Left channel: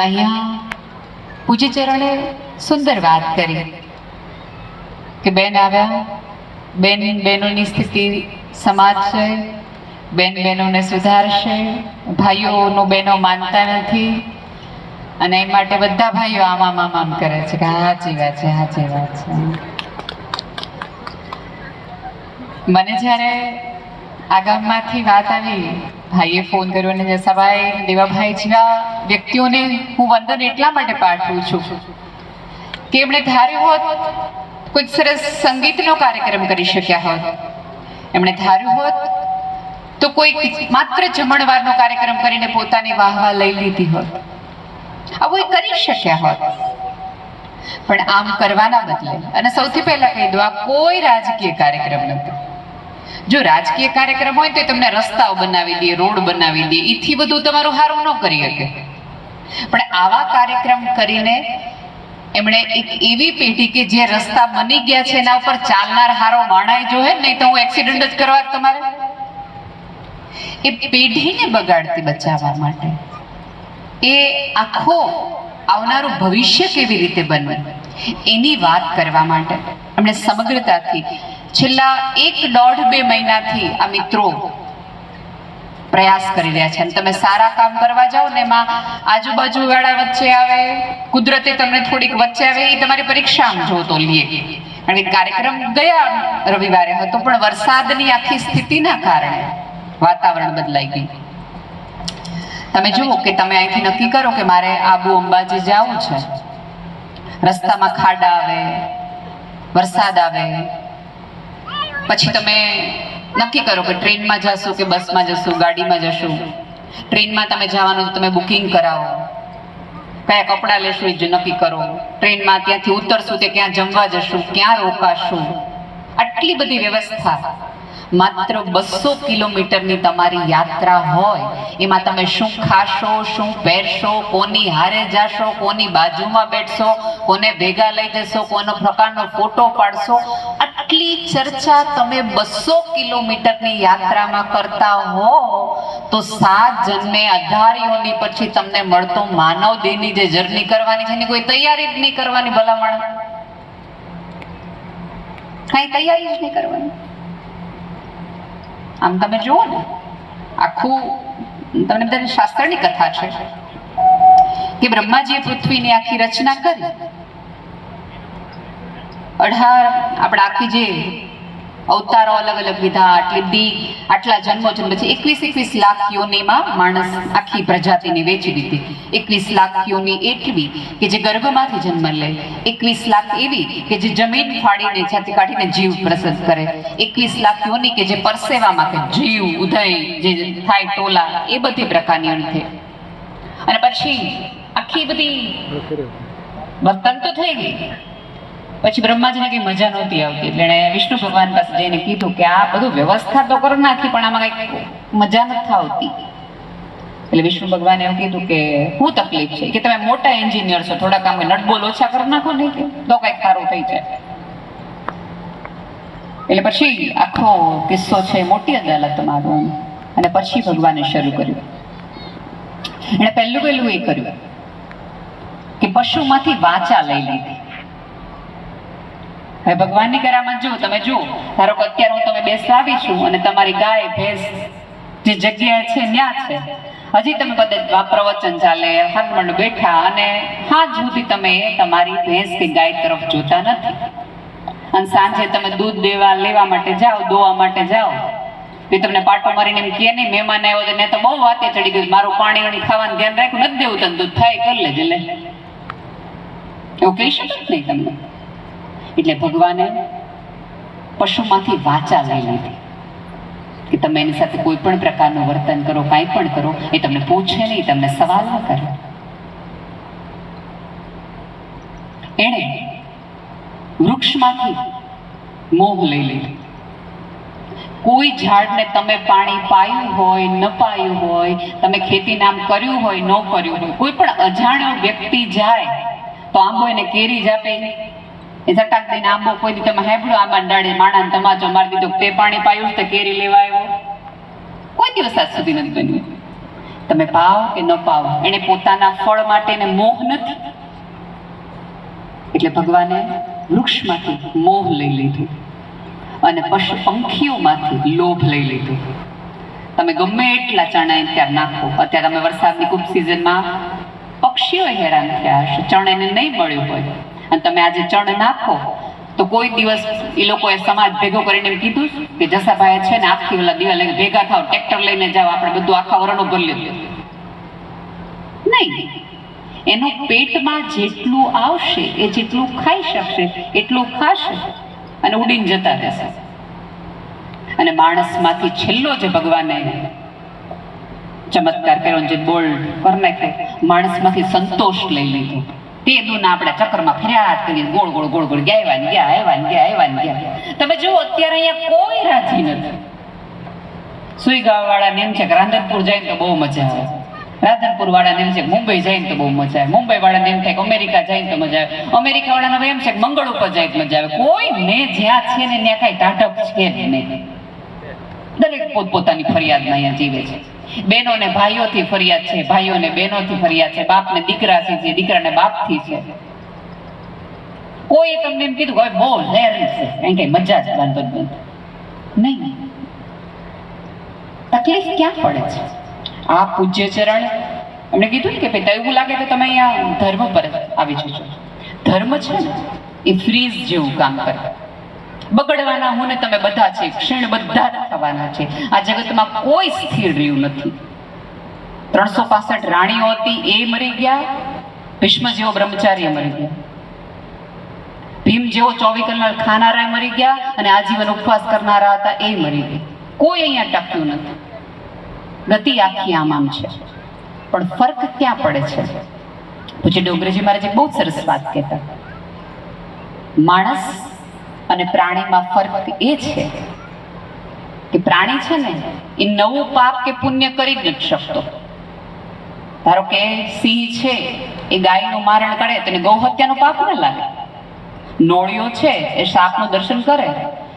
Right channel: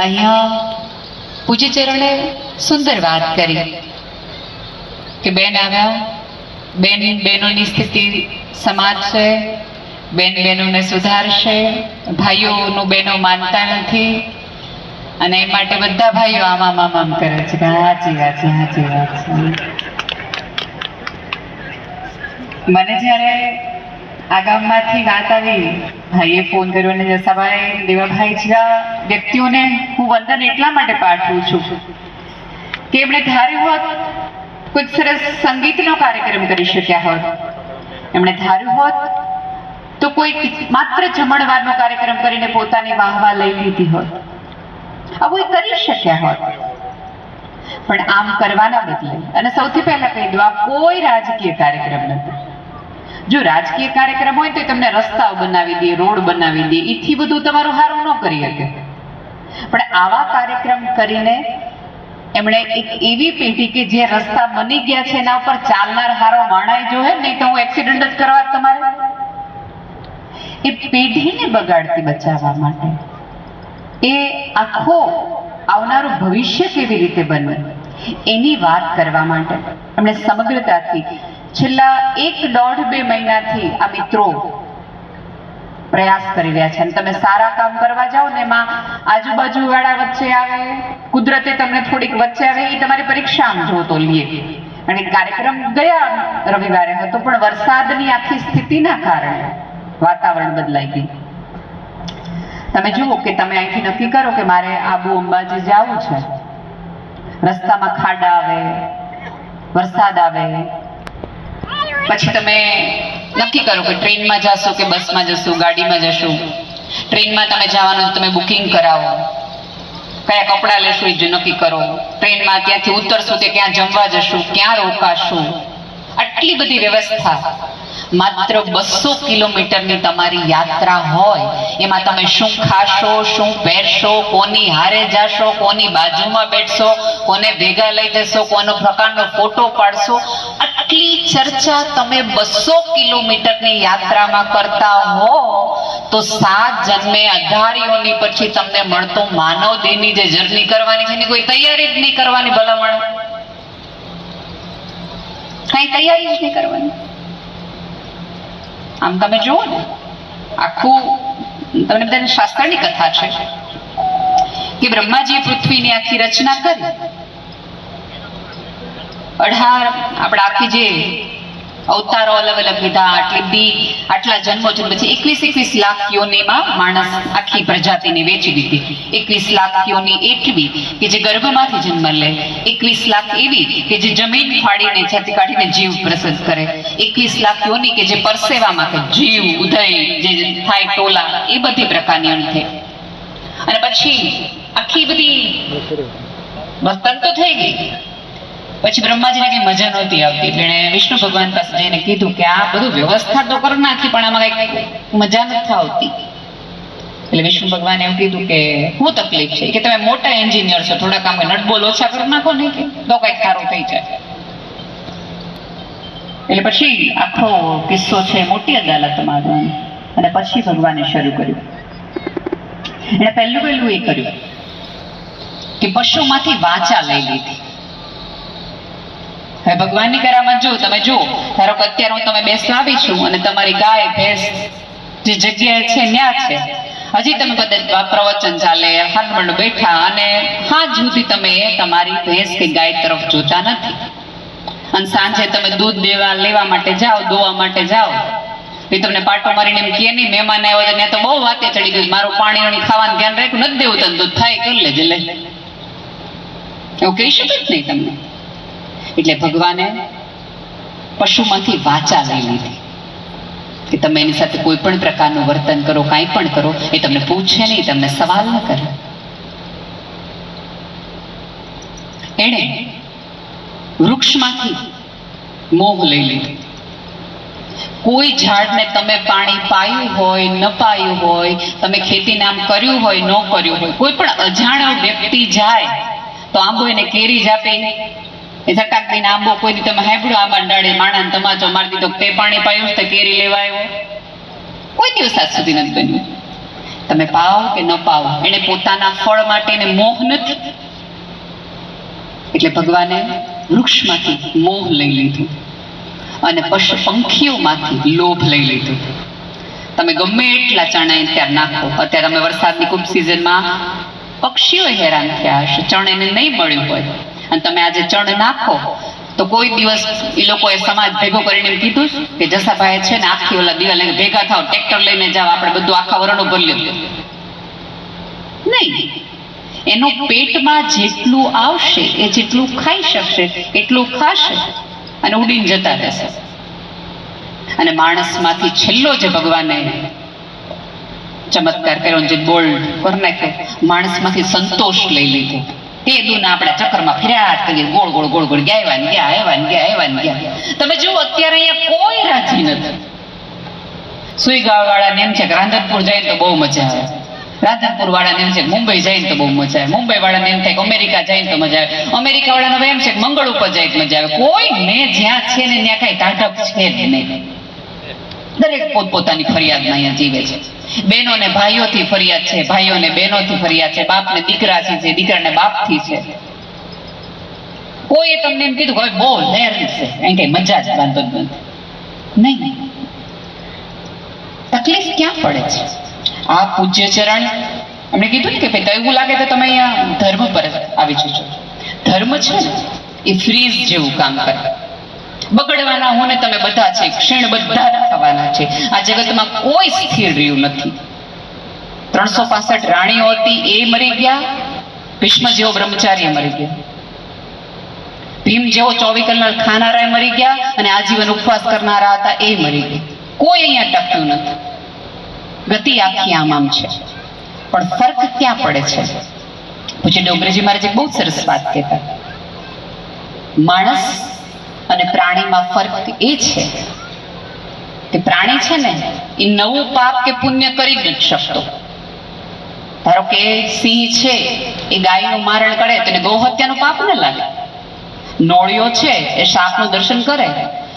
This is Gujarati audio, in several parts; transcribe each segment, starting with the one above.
અહીંયા પૂજ્યચરણે સુંદર વાત કરી કે બેન આવ્યા બેન બહેનોની સ્થિતિ સમાજશે બેન બહેનોને સુધારશે ભાઈઓનું બહેનો માનતા નથી અને એ માટે બધા ભાઈઓ આમ આમ આમ કરે છે કે હા, સાચી વાત છે સાચી વાત છે. મને જ્યારે આ ગામમાંથી વાત આવી. ભાઈએ ફોન કર્યો અને જસાભાઈ, દેવાભાઈ જેવા વ્યક્તિઓને હું વંદન એટલા માટે પાઠવું છું. કે એમણે ધાર્યું હોત, કોઈ સરસ સંગીતનો કાર્યક્રમ કરી શક્યા હોત. એમણે ધાર્યું હોત, તો કોઈ માત્ર જમણવારનો કાર્યક્રમ કરીને પોતાની વાહવા લઈ લીધી હોત. આવું એ કરી શક્યા હોત. પણ આમ કરવાના બદલે, અને સૌથી પહેલા કહી દો આ કોઈ રાજકીય કાર્યક્રમ નથી જો રાજકીય કાર્યક્રમ હોય તો તમને રસ્તાઓ બનાવી દે, રોડ બનાવી દે એથી બધું તમારું સારું ન કરી શકે. પણ આવા કાર્યક્રમ કરીને એમણે એક એવી પેઢી કે જે રસ્તા બની ગયા છે એના ઉપર ચાલનાર હારો માણાઈ જો નહીં તો હું એક્સિડન્ટ જ કરવા તમારે. એ પેઢીને બગાડતી બચાવવા માટે. એ આખો આવનારું ભવિષ્ય કેવી રીતે બનવું એની વાત કરવા માટે. એમણે સમગ્રતાથી છેલ્લા એક દોઢ બે મહિનાથી આ મિત્રો પ્રયાસ કરી રહ્યા છે. અને તમે સારા કામ કરવા જાઓ ને એમાં આજુબાજુ વાળા વચ્ચે આવે, કુદરતે તમને થોડીક વચ્ચે આવે એ તમારી પરીક્ષા જોતો લઈએ અને કાર્યક્રમ ગયા રવિવારે હતો, પણ વરસાદની આખી સ્થિતિના કારણે વાતાવરણ બદલાઈ ગયું. તમે જુઓ કે તમે અહીંથી નક્કી કરો કે મારે આબુ અંબાજી જવું છે. રસ્તામાં ખાડા આવે, વરસાદ આવે પછી તમે નક્કી કરો કે ટ્રેનમાં જશો કે બસમાં જશો, ગાડીમાં જશો? ટ્રેનમાં તમે જવાનું તમે બુકિંગ કરાવો. કયા કપડાં લેશો એ જો નક્કી કરો. ટ્રેનમાં ત્યાંથી ઉતરશો તે ક્યાં જમવા જશો, ક્યાં રોકાશો? આટલી બધી વ્યવસ્થા. માત્ર બસો કિલોમીટરની તમારી યાત્રા હોય, એમાં તમે શું ખાશો, શું પહેરશો, કોની હારે જાશો, કોની બાજુમાં બેઠશો, કોને ભેગા લઈ જશો, કોનો પ્રકારનો ફોટો પાડશો, આટલી ચર્ચા તમે બસો કિલોમીટરની યાત્રામાં કરતા હો, તો સાત જન્મે અઢારીઓની પછી તમને મળતો માનવ દેહની જે જર્ની કરવાની છે, એની કોઈ તૈયારી જ નહીં કરવાની ભલામણ. કઈ તૈયારી જ નહીં કરવાની. આમ તમે જુઓ ને, આખું તમને બધાને શાસ્ત્રની કથા છે કે બ્રહ્માજીએ પૃથ્વીની આખી રચના કરી. અઢાર આપણે આખી જે અવતારો અલગ અલગ લીધા આટલી બી આટલા જન્મો જન્મ છે એકવીસ એકવીસ લાખ યોનીમાં માણસ આખી પ્રજાતિને વેચી દીધી. એકવીસ લાખ યોની એટલી કે જે ગર્ભમાંથી જન્મ લે. એકવીસ લાખ એવી કે જે જમીન ફાડીને છાતી કાઢીને જીવ પ્રસદ કરે. એકવીસ લાખ યોની કે જે પરસેવામાં કે જીવ ઉદય જે થાય ટોલા એ બધી પ્રકારની અંતે અને પછી આખી બધી વર્તન તો થઈ ગઈ. પછી બ્રહ્માજીને કઈ મજા નહોતી આવતી. એટલે વિષ્ણુ ભગવાન પાસે જઈને કીધું કે આ બધું વ્યવસ્થા તો કરી નાખી, પણ આમાં કઈ મજા નથી આવતી. એટલે વિષ્ણુ ભગવાને એવું કીધું કે શું તકલીફ છે, કે તમે મોટા એન્જિનિયર છો થોડા કામ નટબોલ ઓછા કરી નાખો ને કે તો કંઈક સારું થઈ જાય. એટલે પછી આખો કિસ્સો છે મોટી અદાલતમાં આવ્યો. અને પછી ભગવાને શરૂ કર્યું. એણે પહેલું પહેલું એ કર્યું કે પશુમાંથી વાચા લઈ લીધી. હવે ભગવાનની કરામત જો તમે જુઓ. ધારો કે અત્યારે હું તમે બેસવા આવી છું અને તમારી ગાય, ભેંસ જે જગ્યાએ છે ત્યાં છે. હજી તમે કદાચ પ્રવચન ચાલે, હનુમાન બેઠા અને હાથ સુધી તમે તમારી ભેંસ કે ગાય તરફ જોતા નથી. અને સાંજે તમે દૂધ દેવા, લેવા માટે જાઓ, દોવા માટે જાઓ. એ તમને પાટો મારીને એમ કહે નહીં, મહેમાન આવ્યો છે ને તો બહુ વાતે ચડી ગઈ. મારું પાણી ખાવાનું ધ્યાન રાખ્યું, નથી દેવું તને દૂધ થાય, કરી લેજે, લે. એવું કહી શકે જ નહીં તમને? એટલે ભગવાને પશુમાંથી વાચા લઈ લીધી. કે તમે એની સાથે કોઈ પણ પ્રકારનું વર્તન કરો, કાંઈ પણ કરો, એ તમને પૂછે નહીં, તમને સવાલ ન કરે. એણે વૃક્ષમાંથી મોહ લઈ લીધો. કોઈ ઝાડને તમે પાણી પાયું હોય, ન પાયું હોય, તમે ખેતી નામ કર્યું હોય, ન કર્યું હોય, કોઈ પણ અજાણ્યો વ્યક્તિ જાય, તો આંબો એને કેરી જ આપે એ ઝટાક આંબો કોઈ તમે હાંભળ્યો આમાં ડાળે માણા તમાચો મારી દીધો તે પાણી પાયું તો કેરી લેવા આવ્યો? કોઈ દિવસ આજ સુધી નથી બન્યું. તમે પાઓ કે ન પાઓ એને પોતાના ફળ માટે એને મોહ નથી. એટલે ભગવાને વૃક્ષમાંથી મોહ લઈ લીધું અને પશુ પંખીઓમાંથી લોભ લઈ લીધું. તમે ગમે એટલા ચણા ત્યાં નાખો. અત્યારે અમે વરસાદની ખૂબ સિઝનમાં પક્ષીઓ હેરાન થયા હશે. ચણાને નહીં મળ્યું હોય. અને તમે આજે ચણ નાખો, તો કોઈ દિવસ એ લોકોએ સમાજ ભેગો કરીને કીધું કે જસાભાઈ છે ને આખી ઓલા દીવા લઈને ભેગા થાવ, ટ્રેક્ટર લઈને જાવ આપણે બધું આખા વરણો ભરી લ્યો. નહીં. એનું પેટમાં જેટલું આવશે, એ જેટલું ખાઈ શકશે, એટલું ખાશે અને ઉડીને જતા રહેશે. અને માણસમાંથી છેલ્લો જે ભગવાને ચમત્કાર કર્યો જે બોલ્ડ પર નાખે માણસમાંથી સંતોષ લઈ લીધો. તે દુના આપણા ચક્કરમાં ફર્યા જ કરીએ ગોળ ગોળ ગોળ ગોળ ગયા ને ગયા આવ્યા ને ગયા આવ્યા ને ગયા. તમે જુઓ, અત્યારે અહીંયા કોઈ રાજી નથી. સુઈ વાળાને એમ છે કે રાધનપુર જાય તો બહુ મજા આવે. રાધનપુર વાળાને એમ છે મુંબઈ જાય તો બહુ મજા આવે. મુંબઈ વાળાને એમ થાય કે અમેરિકા જાય તો મજા આવે. અમેરિકા વાળાને એમ છે મંગળ ઉપર જાય તો મજા આવે. કોઈ ને જ્યાં છે ને ત્યાં કઈ ટાટક છે જ નહીં. દરેક પોતપોતાની ફરિયાદમાં અહીંયા જીવે છે. બહેનો ને ભાઈઓથી ફરિયાદ છે ભાઈઓને બહેનોથી ફરિયાદ છે બાપને દીકરાથી છે દીકરાને બાપથી છે. કોઈ તમને એમ કીધું હવે બહુ લહેર છે, કારણ કઈ મજા જ બાંધો જ નહીં. તકલીફ ક્યાં પડે છે? આ પૂજ્ય ચરણ, એમણે કીધું ને કે ભાઈ એવું લાગે તો તમે અહીંયા ધર્મ પર આવી જજો. ધર્મ છે ને, એ ફ્રીઝ જેવું કામ કરે. બગડવાના હું તમે બધા છે, ક્ષીણ બધા થવાના છે. આ જગતમાં કોઈ સ્થિર રહ્યું નથી. ત્રણસો પાસઠ રાણીઓ હતી, એ મરી ગયા, ભીષ્મ જેવો બ્રહ્મચાર્ય મરી ગયા. ભીમ જેવો ચોવી કલાક ખાનારા મરી ગયા અને આજીવન ઉપવાસ કરનારા હતા, એ મરી ગયા. કોઈ અહીંયા ટક્યું નથી. ગતિ આખી આમ આમ છે. પણ ફર્ક ક્યાં પડે છે? પછી ડોંગરેજી મહારાજ બહુ સરસ વાત કહેતા. માણસ અને પ્રાણીમાં ફરક એ છે કે પ્રાણી છે ને, એ નવું પાપ કે પુણ્ય કરી જ નથી શકતો. ધારો કે સિંહ છે, એ ગાયનું મારણ કરે તો એને ગૌહત્યાનું પાપ ન લાગે. નોળિયો છે, એ સાપનું દર્શન કરે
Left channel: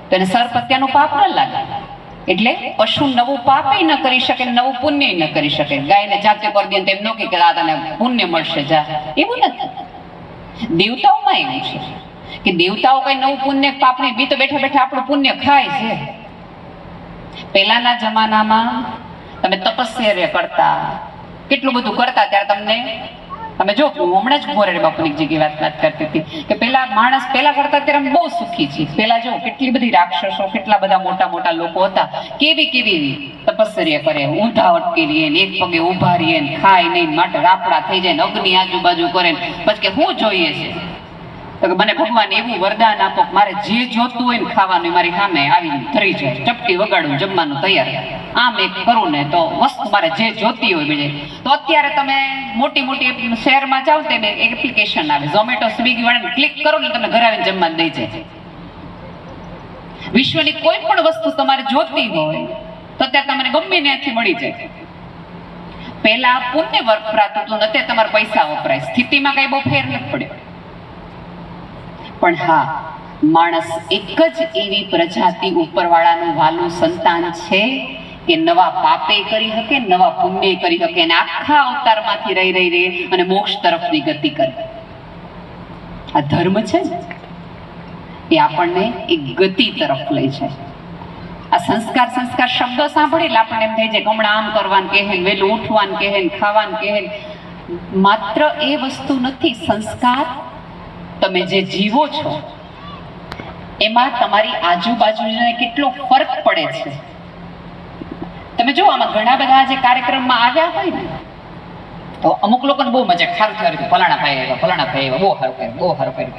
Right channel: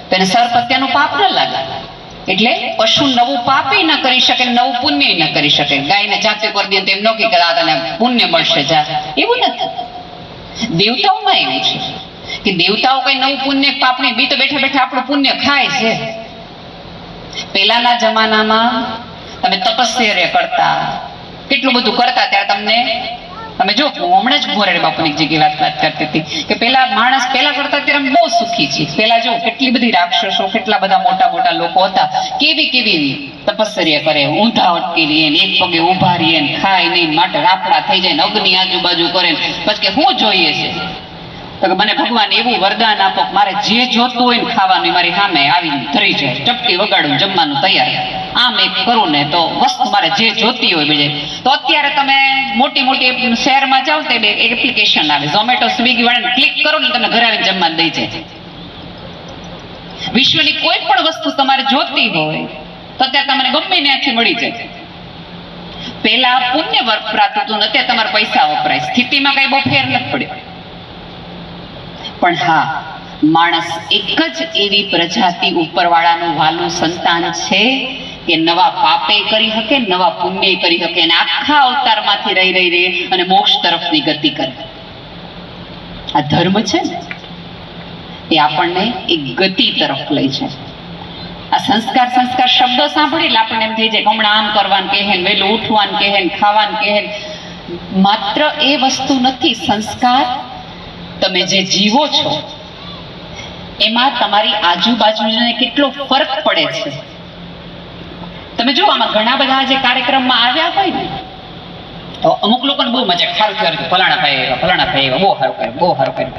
તો એને સર્પ હત્યાનું પાપ ન લાગે. એટલે પશુ નવું પાપે ન કરી શકે, નવું પુણ્ય ન કરી શકે. ગાયને જાતે કરી દે તેમ ન કે દાદાને પુણ્ય મળશે, જા. એવું નથી. દેવતાઓમાં એવું છે. કે દેવતાઓ કઈ નવું પુણ્ય પાપણી બી તો બેઠા બેઠા આપણું પુણ્ય ખાય છે? પહેલાના જમાનામાં તમે તપસ્યા કરતા. કેટલું બધું કરતા ત્યારે તમને, તમે જો, હમણાં જ ભોરેડ બાપુની જગ્યાએ વાત વાત કરતી હતી કે પેલા માણસ પેલા કરતા અત્યારે અમે બહુ સુખી છે. પેલા જો, કેટલી બધી રાક્ષસો, કેટલા બધા મોટા મોટા લોકો હતા. કેવી કેવી તપસ્યા કરે ઊંધા અટકી રહીએ એક પગે ઊભા રહીએ ને ખાય નહીં, માટે રાપડા થઈ જાય ને, અગ્નિ આજુબાજુ કરે ને. પછી કે શું જોઈએ છે? તો મને ભગવાન એવું વરદાન આપો મારે જે જોતું હોય ને ખાવાનું મારી સામે આવીને ધરી જાય. ચપટી વગાડું જમવાનું તૈયાર આમ એક કરું ને તો વસ્તુ મારે જે જોતી હોય બીજે તો અત્યારે તમે મોટી મોટી શહેરમાં જાઓ તો એક એપ્લિકેશન આવે. ઝોમેટો સ્વિગી વાળાને ક્લિક કરો ને તમને ઘરે આવીને જમવાનું દઈ જાય. વિશ્વની કોઈ પણ વસ્તુ તમારે જોતી હોય તો અત્યારે તમને ગમે ત્યાંથી મળી જાય. પહેલા પુણ્ય વપરાતું હતું અત્યારે તમારા પૈસા વપરાય. સ્થિતિમાં કઈ બહુ ફેર નથી પડ્યો. પણ હા, માણસ એક જ એવી પ્રજાતિ ઉપરવાળાનું વાલું સંતાન છે કે નવા પાપે કરી શકે, નવા પુણ્ય કરી શકે અને આખા અવતારમાંથી રહી રહી રહી અને મોક્ષ તરફની ગતિ કરે. આ ધર્મ છે ને, એ આપણને એક ગતિ તરફ લઈ જાય. આ સંસ્કાર સંસ્કાર શબ્દો સાંભળે એટલે આપણને એમ થઈ જાય હમણાં આમ કરવાનું કહે ને વહેલું ઉઠવાનું કહે ને ખાવાનું કહે માત્ર એ વસ્તુ નથી, સંસ્કાર તમે જે જીવો છો, એમાં તમારી આજુબાજુને કેટલો ફરક પડે છે? તમે જો, આમાં ઘણા બધા જે કાર્યક્રમમાં આવ્યા હોય ને, તો અમુક લોકોને બહુ મજા ખારું થયું, ફલાણા ભાઈ આવ્યા, ફલાણા ભાઈ આવ્યા, બહુ સારું કર્યું, બહુ સારું કર્યું.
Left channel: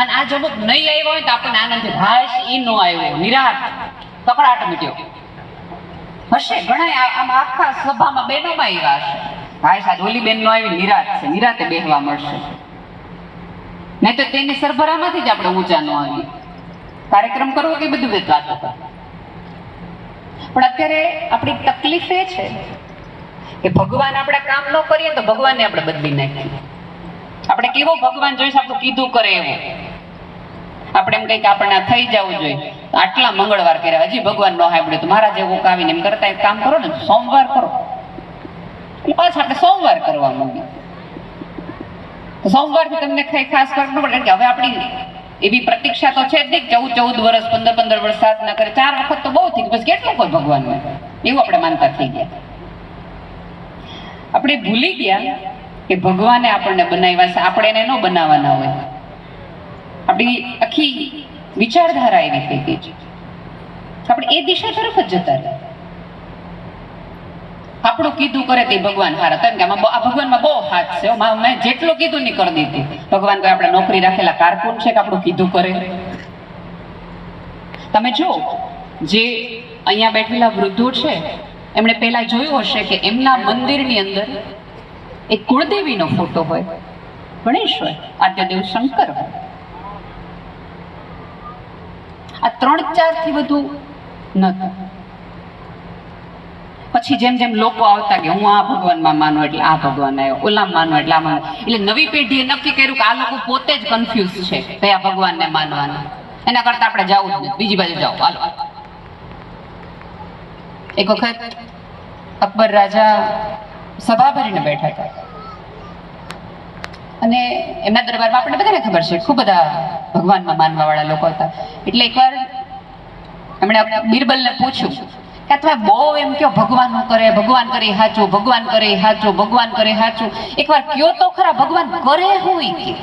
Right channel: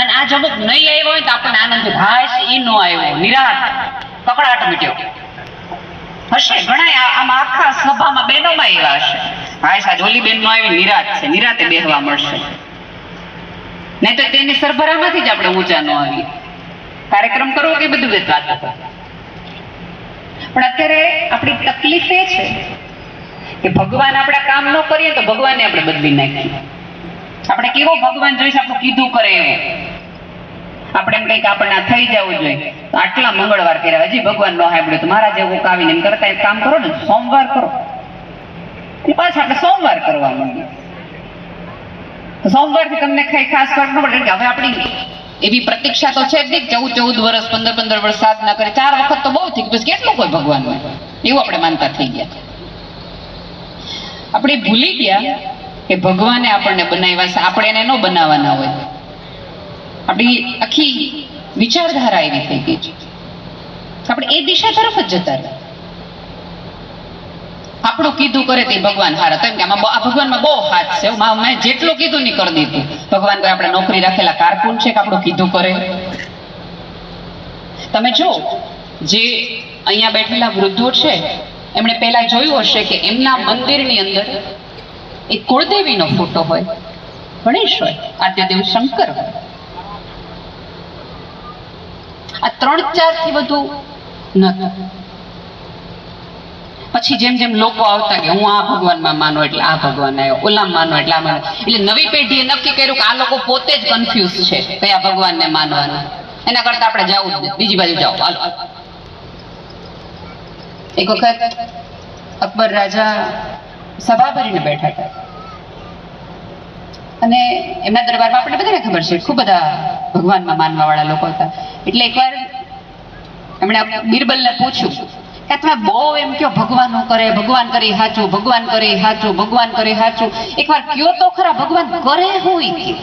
અને આ જો અમુક નહીં આવ્યો હોય તો આપણને આનંદ થાય. એ નો આવ્યો નિરાત કકડાટ મીટ્યો હશે ઘણા આમાં આખા સભામાં બહેનોમાં એવા હશે. હાશ સાજ ઓલી બેન નો આવી નિરાત છે, નિરાતે બેહવા મળશે. નહીં તો તેની સરભરામાંથી જ આપણે ઊંચા ન આવીએ. કાર્યક્રમ કરવો કે બધું વેત પણ અત્યારે આપણી તકલીફ એ છે કે ભગવાન આપણા કામ ન કરીએ તો ભગવાનને આપણે બદલી નાખીએ. આપણે કેવો ભગવાન જોઈશે? આપણું કીધું કરે એવું આપણે એમ કંઈક આપણને થઈ જવું જોઈએ. આટલા મંગળવાર કર્યા, હજી ભગવાન નો સાંભળ્યું તો મારા જેવું કાવીને એમ કરતા કામ કરો ને, સોમવાર કરો. એટલે પાછા આપણે સોમવાર કરવા માંડીએ. તો સોમવારથી તમને ખાઈ ખાસ ન પડે કે હવે આપણી એવી પ્રતીક્ષા તો છે જ નહીં ચૌદ ચૌદ વર્ષ પંદર પંદર વર્ષ સાધના કરે. ચાર વખત તો બહુ થઈ બસ કેટલું કોઈ ભગવાન એવું આપણે માનતા થઈ ગયા. આપણે ભૂલી ગયા કે ભગવાને આપણને બનાવ્યા છે. આપણે એને ન બનાવવાના હોય. આપણી આખી વિચારધારા એવી થઈ ગઈ છે. આપણે એ દિશા તરફ જ જતા રહ્યા. આપણું કીધું કરે તે ભગવાન હારા. કારણ કે આમાં આ ભગવાનમાં બહુ હાથ છે. મેં જેટલું કીધું નહીં કરી દીધું. ભગવાન કોઈ આપણે નોકરી રાખેલા કારકુન છે કે આપણું કીધું કરે? તમે જો, જે અહીંયા બેઠેલા વૃદ્ધો છે, એમણે પહેલા જોયું હશે કે એમના મંદિરની અંદર એક કુળદેવીનો ફોટો હોય. ગણેશ હોય. આદ્યદેવ શંકર હોય. આ ત્રણ ચારથી વધુ નહોતું પછી જેમ જેમ લોકો આવતા કે હું આ ભગવાનમાં માનો એટલે આ ભગવાન આવ્યો ઓલા માનો એટલે આ માનો. એટલે નવી પેઢીએ નક્કી કર્યું કે આ લોકો પોતે જ કન્ફ્યુઝ છે કયા ભગવાનને માનવાના. એના કરતા આપણે જવું બીજી બાજુ જાઓ. હાલો. એક વખત અકબર રાજા સભા ભરીને બેઠા હતા. અને એમના દરબારમાં આપણે બધાને ખબર છે, ખૂબ બધા ભગવાનમાં માનવાવાળા લોકો હતા. એટલે એકવાર એમણે બિરબલને પૂછ્યું કે તમે બહુ એમ કયો, ભગવાન કરે ભગવાન કરે, હાચું, ભગવાન કરે, હાચું, ભગવાન કરે, હાચું. એકવાર કયો તો ખરા, ભગવાન કરે હું ઈ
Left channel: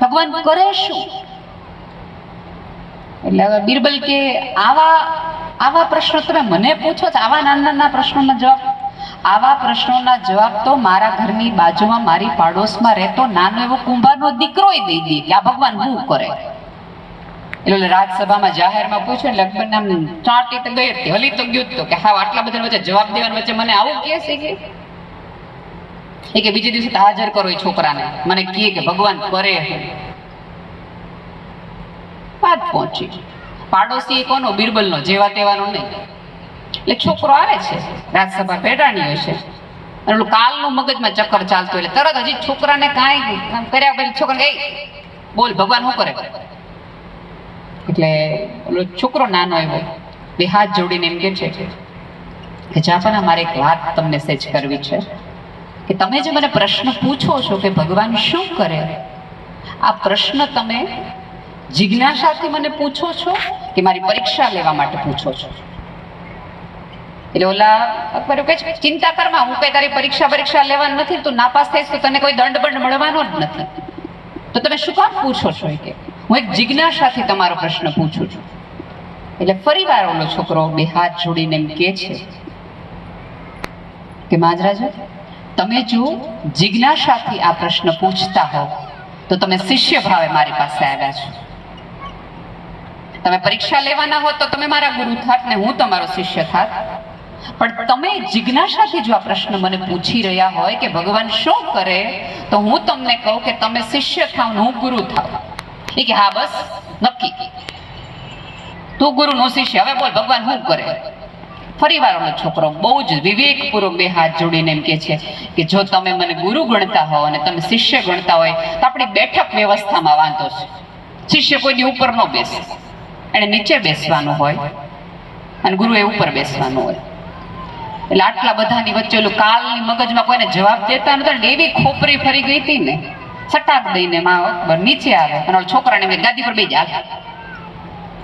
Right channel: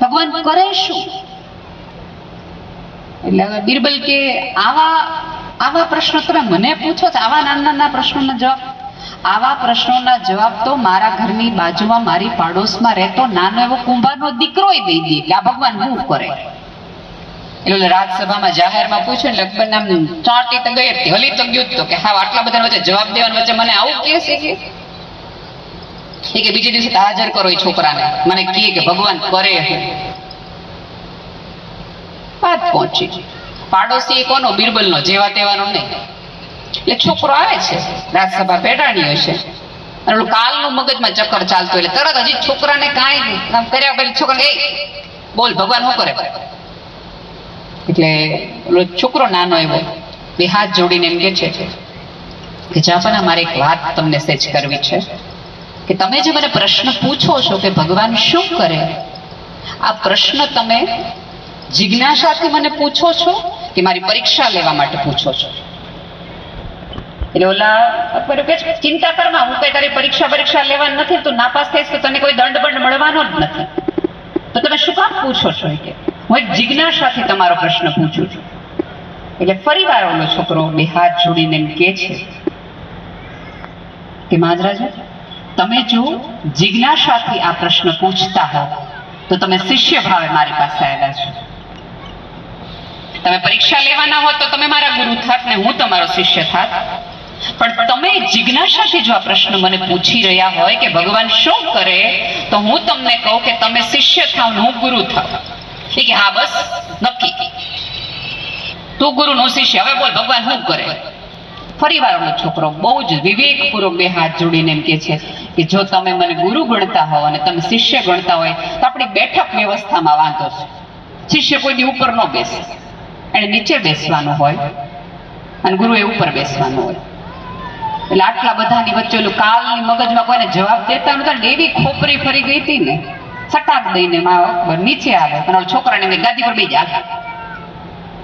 ભગવાન કરે શું? એટલે હવે બિરબલ કે, આવા આવા પ્રશ્નો તમે મને પૂછો છો આવા નાના નાના પ્રશ્નોના જવાબ. આવા પ્રશ્નોના જવાબ તો મારા ઘરની બાજુમાં, મારી પાડોશમાં રહેતો નાનો એવો કુંભારનો દીકરોય દઈ દે કે આ ભગવાન હું કરે? એટલે રાજસભામાં જાહેરમાં પૂછ્યું લગભગ નામ ચાટી તો ગઈ હતી, હલી તો ગયું તો કે હા આટલા બધા વચ્ચે જવાબ દેવાની વચ્ચે મને આવું કહે છે કે? એ કે બીજે દિવસે હાજર કરો એ છોકરાને. મને કહે કે ભગવાન કરે વાત પહોંચી. પાડોશી કોનો? બિરબલનો જેવા તેવાનો નહીં. એટલે છોકરો આવે છે રાજસભા પેટાણી હશે અને કાલનું મગજમાં ચક્કર ચાલતું એટલે તરત હજી છોકરાને કાંઈ કર્યા પછી છોકરા એ બોલ ભગવાન શું કરે? એટલે ઓલો છોકરો નાનો એવો બે હાથ જોડીને એમ કે છે કે જાપન મારે એક વાત તમને સેજ કરવી છે કે તમે જે મને પ્રશ્ન પૂછો છો કે ભગવાન શું કરે, આ પ્રશ્ન તમે જિજ્ઞાસાથી મને પૂછો છો કે મારી પરીક્ષા લેવા માટે પૂછો છો? એટલે ઓલા અકબર કે ચિંતા કરમાં હું કઈ તારી પરીક્ષા પરીક્ષા લેવાની નથી તું નાપાસ થઈશ તો તને કોઈ દંડ બંડ મળવાનો જ નથી. તો તમે શું કામ પૂછો છો કે? હું જિજ્ઞાસાથી તમારો પ્રશ્ન પૂછું છું. એટલે ફરી વાર ઓલો છોકરો બે હાથ જોડીને એમ કે છે કે મહારાજ, તમે જો જિજ્ઞાસાથી આ પ્રશ્ન પૂછતા હો, તો તમે શિષ્ય ભાવે મારી પાસે આવ્યા છો. તમે પરીક્ષા લેવાના હો તો તમે મારા ગુરુ થાત ને હું તમારો શિષ્ય થાત. પણ તમે જિજ્ઞાસાથી જો આ પ્રશ્ન મને પૂછી રહ્યા હોય કે ભગવાન શું કરે, તો હું તમને કહું કે તમે શિષ્ય થાવ હું ગુરુ થાવ. એ કે, હા, બસ, નક્કી. તું ગુરુ નો શિષ્ય. હવે બોલ, ભગવાન શું કરે? ફરી વાર છોકરો બહુ જ વિવેકપૂર્વક બે હાથ જોડીને એમ કે છે કે, જો તમે મને ગુરુ ગણતા હો અને તમે શિષ્ય ગણતા હોય, તો આપણી બેઠક વ્યવસ્થામાં વાંધો છે. શિષ્ય કોઈની ઉપર ન બેસે. એને નીચે બેસવાનું હોય અને ગુરુ એ ઉપર બેસવાનું હોય. એટલે આટલા બધાની વચ્ચે ઓલું કાલની મગજમાં કોઈને જવાબ દેતા નતા એવી ખોપરી ફરી ગઈ હતી ને. સટાક દઈને માં નીચે આવે અને છોકરાને મેં ગાદી પર બેસી જા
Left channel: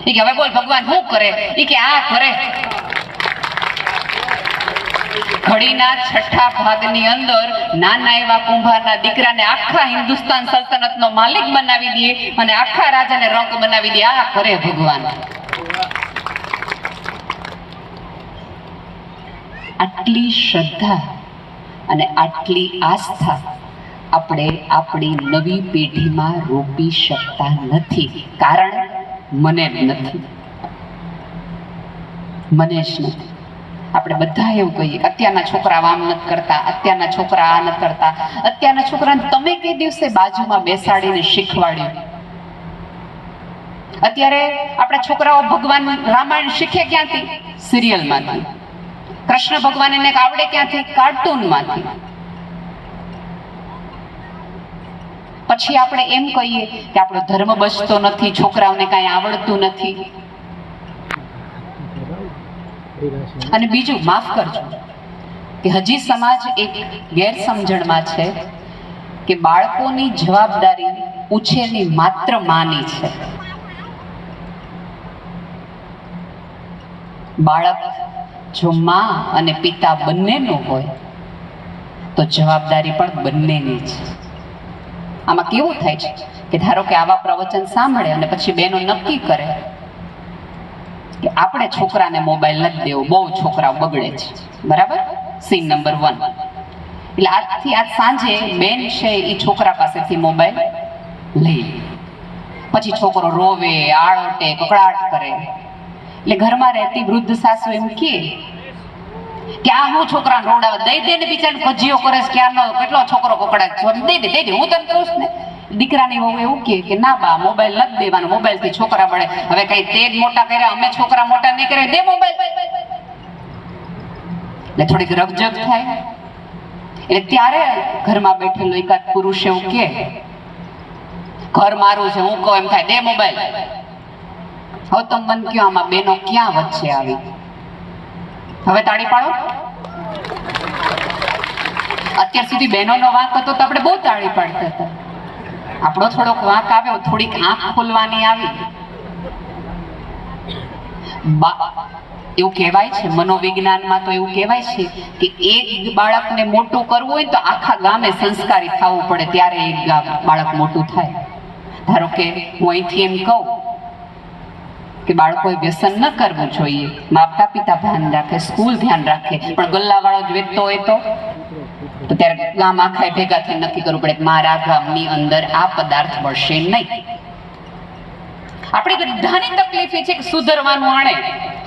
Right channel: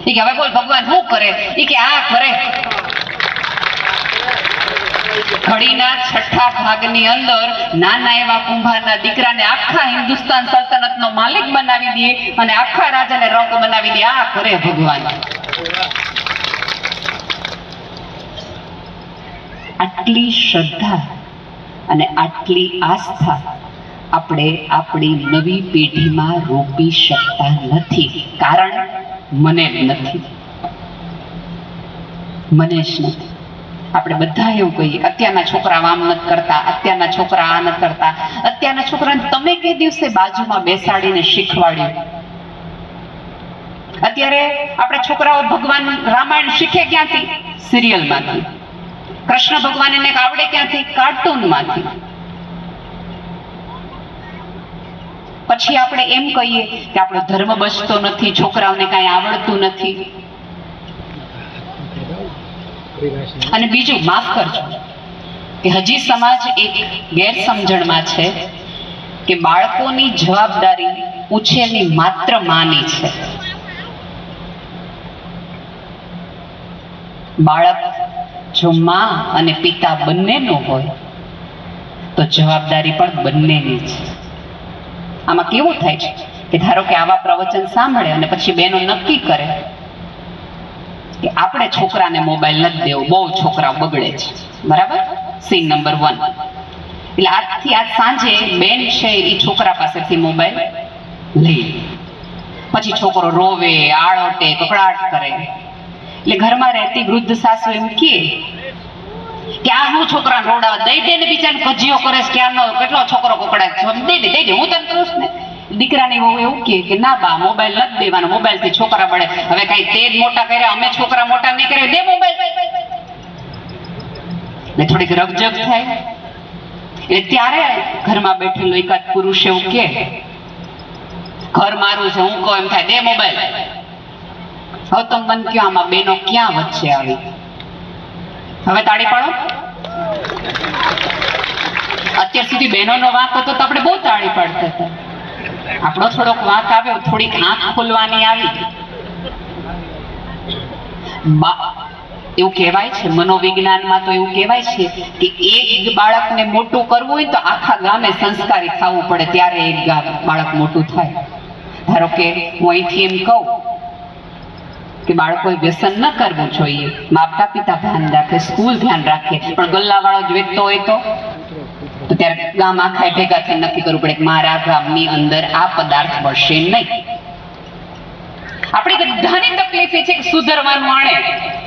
એ કે હવે બોલ, ભગવાન શું કરે? એ કે આ કરે. ઘડીના છઠ્ઠા ભાગની અંદર નાના એવા કુંભારના દીકરાને આખા હિન્દુસ્તાન સલ્તનતનો માલિક બનાવી દે અને આખા રાજાને રંગ બનાવી દે. આ કરે ભગવાન. આટલી શ્રદ્ધા અને આટલી આસ્થા આપણે આપણી નવી પેઢીમાં રોપી શકતા નથી. કારણ મને નથી. મને જ નથી. આપણે બધા એવું કહીએ અત્યારના છોકરા આમ નથી કરતા, અત્યારના છોકરા આ નથી કરતા. અત્યારના છોકરાને તમે કઈ દિવસે બાજુમાં બેસાડીને શીખવાડ્યું? અત્યારે આપણા છોકરાઓ ભગવાન રામાયણ શીખે ક્યાંથી? સિરિયલમાંથી. કૃષ્ણ ભગવાન એને આવડે ક્યાંથી? કાર્ટૂનમાંથી. પછી આપણે એમ કહીએ કે આપણો ધર્મ બચતો નથી, છોકરાઓને કાંઈ આવડતું નથી. અને બીજું, માફ કરજો, કે હજી સમાજ એક ગેરસમજણમાં છે કે બાળકોની જવાબદારી ઉછેરની માત્ર માની છે. બાળક જો માં અને પિતા બંનેનો હોય, તો જવાબદારી પણ બંનેની છે. આમાં કેવું થાય છે કે ધારો કે આવા પ્રવચન સાંભળે અને પછી બેનો નક્કી કરે કે આપણે છોકરાને મોબાઈલ નથી દેવો, બહુ છોકરાઓ બગડે છે. બરાબર? સીન નંબર વન એટલે આજથી આજ સાંજે બેન છે એ છોકરા પાસેથી મોબાઈલ લઈ. પછી છોકરો રોવે, આળોટે, કકડાટ કરે. એટલે ઘરમાં રહેતી વૃદ્ધ સાસુ એમ કે આ છોકરા રોડાવે? દઈ દે ને બિચારી ભજીઓ કરે છે ક્યારનો કેટલો છોકરો કકડાટ છે દઈ દે હું તને કહું ને. દીકરાની વહુ એવું કે, ના બા મોબાઈલ નથી દેવાનો મોબાઈલથી છોકરા બળે હવે કઈ તેજ મોટા કર્યા, અમે છોકરા મોટા નહીં કરે દે મોબાઈલ ને થોડીક રગજગ થાય. એટલે ત્યારે ઘરમાં બેઠેલો એકાદ પુરુષ એવું કે ઘર મારું છે, હું કહું, એમ થાય, દે મોબાઈલ હવે તો મન કયો આમાં બેનો ક્યાં વચ્ચે આવી? હવે તાળી પાડો. અત્યાર સુધી બહેનોનો વાંક હતો તો આપણે બહુ તાળી પાડતા હતા. આપણો થોડોક વાંક આવ્યો, થોડીક આંખ ખોલવાની આવી. એવું કહેવાય છે, મનોવિજ્ઞાનમાં તો એવું કહેવાય છે કે એક બાળકને મોટું કરવું હોય તો આખા ગામે સંસ્કારી થવું પડે, ત્યારે એક બાળક મોટું થાય. ધારો કે હું અહીંથી એમ કહું કે બાળકોએ વ્યસન ન કરવું જોઈએ. માતા પિતા ધ્યાન રાખે, સ્કૂલ ધ્યાન રાખે. પણ ગલ્લાવાળો જ વેચતો હોય તો? ત્યારે ગામ આખા ભેગા થઈ નક્કી કરવું પડે કે મારા ગામની અંદર આ પદાર્થ મળશે નહીં. આપણી બધાની તકલીફ એ છે કે સુધરવાનું આણે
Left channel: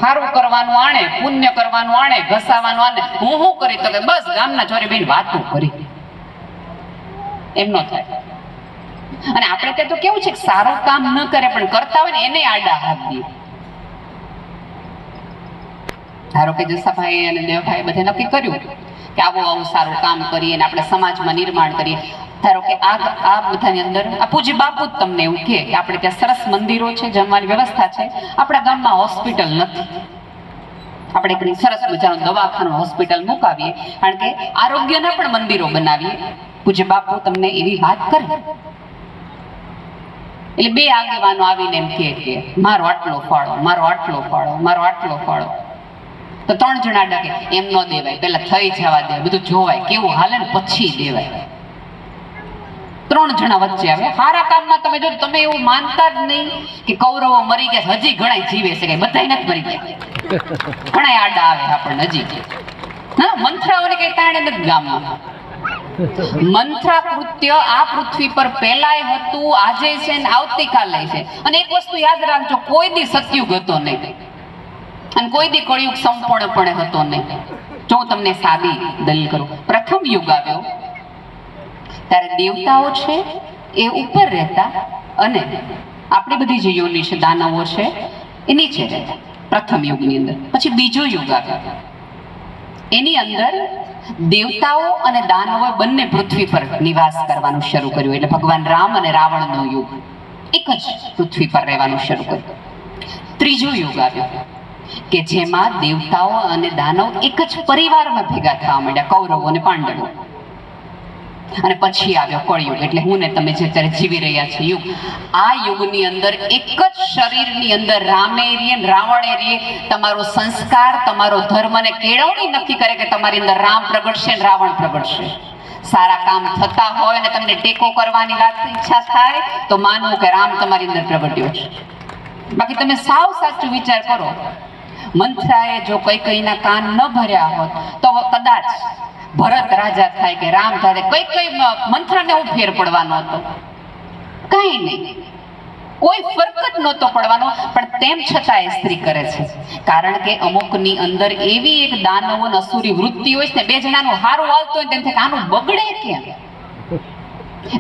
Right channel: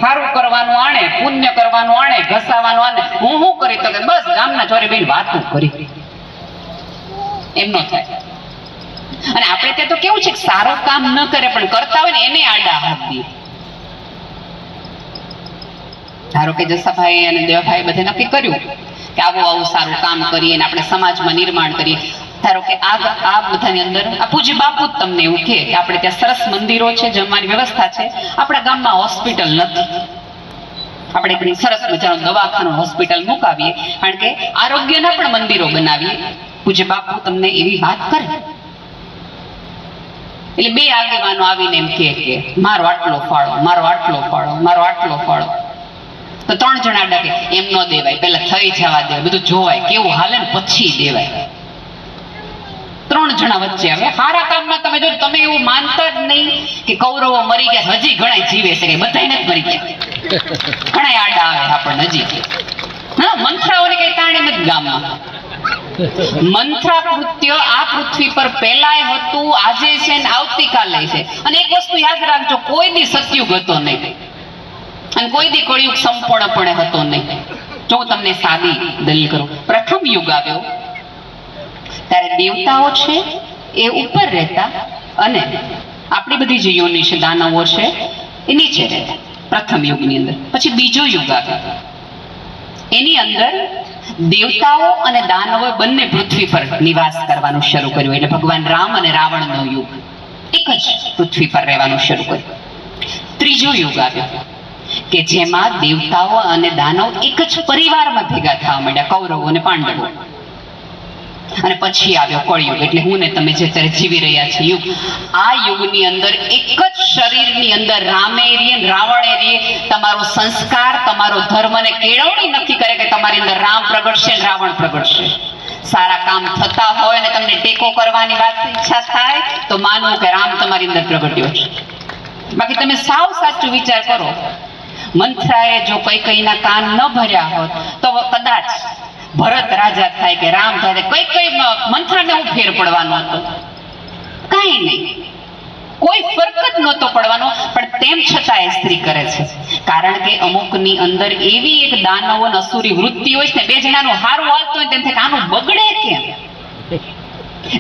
સારું કરવાનું આણે, પુણ્ય કરવાનું આણે, ઘસાવાનું આણે. હું શું કરી તો બસ ગામના ચોરે બેન વાતો કરી. એમ ન થાય. અને આપણે ત્યાં તો કેવું છે કે સારું કામ ન કરે, પણ કરતા હોય ને એને આડા દે. ધારો કે જસાભાઈ અને દેવાભાઈ બધે નક્કી કર્યું કે આવું આવું સારું કામ કરીએ અને આપણે સમાજમાં નિર્માણ કરીએ. ધારો કે આ આ બધાની અંદર આ પૂજ્ય બાપુ જ તમને એવું કે આપણે ત્યાં સરસ મંદિરો છે, જમવાની વ્યવસ્થા છે. આપણા ગામમાં હોસ્પિટલ નથી. આપણે એક સરસ મજાનું દવાખાનું હોસ્પિટલ મુકાવીએ. કારણ કે આરોગ્યના પણ મંદિરો બનાવીએ. પૂજ્ય બાપુ તમને એવી વાત કરે. એટલે બે આગેવાનો આવીને એમ કહે કે, મારો આટલો ફાળો, મારો આટલો ફાળો, મારો આટલો ફાળો. તો ત્રણ જણા આડા કે, એમ ન દેવાય પેલા થઈ જવા દે, બધું જોવાય, કેવું હાલે ને પછી દેવાય. ત્રણ જણા વચ્ચે આવે સારા કામમાં તમે જો તમે એવું માનતા જ નહીં કે કૌરવો મરી ગયા હજી ઘણા જીવે છે કે બધા નથી મરી ગયા. ઘણા આડા આવે આપણને હજી. ના મંથરાઓને કઈ તાણે નથી ગામમાં. મંથરા કૃત્ય આ પૃથ્વી પર પહેલાય હતું, આજે છે ને આવતીકાલે છે. અને એક વસ્તુ યાદ રાખજો, કોઈ દી સતયુગ હતો નહીં. અને કોઈ દી કળિયુગ સંપૂર્ણપણે હતો નહીં. જો તમને સાદી દલીલ કરું. પ્રથમ યુગ આવ્યો, ત્યારે દેવતાઓ છે એ ઉપર રહેતા અને આપણી બધી જે યોની છે, દાનવો છે, એ નીચે રહેતા પ્રથમ યુગની અંદર. પછી બીજો યુગ આવ્યો. એની અંદર દેવતાઓ અને દાનવો બંને પૃથ્વી પર નિવાસ કરવાનું શરૂ કર્યું. એટલે ભગવાન રામ અને રાવણનો યુગ. એક જ પૃથ્વી પર રહેવાનું શરૂ કર્યું. ત્રીજો યુગ આવ્યો, કે જેમાં દેવતાઓ અને દાનવ એક જ પરિવારમાં ભેગા થવા માંડ્યા. કૌરવો અને પાંડવો. અને પછી આવ્યો કળયુગ. એટલે હું ને તમે જે અત્યારે જીવી રહ્યા છીએ યુગ, આ યુગની અંદર એક જ શરીરની અંદર રામે રીએ રાવણે રીએ તમારો સંસ્કાર, તમારો ધર્મને કેળવણી નક્કી કરે કે તમારી અંદર રામ પ્રગટશે રાવણ પ્રગટશે. સારા કામ થતા હોય અને તમને ટેકો કરવાની વાત ઈચ્છા થાય, તો માનવું કે રામ તમારી અંદર પ્રગટ્યો છે. બાકી તમે સાવ સાચું વિચાર કરો. મંથરાએ જો કઈ કઈના કાન ન ભર્યા હોત, તો કદાચ ભરત રાજા થાય કે રામ થાય કઈ કઈ મંત્રને હું ફેર પડવાનો હતો? કાંઈ નહીં. કોઈ ફરક જ નહોતો પડવાનો, પણ તેમ છતાં એ સ્ત્રી કરે છે. કારણ કે અમુકની અંદર એવી એક દાનવ અને અસુરી વૃત્તિ હોય છે ને, બે જણાનું હારું હાલતું હોય તેમ થાય આનું બગડે કેમ?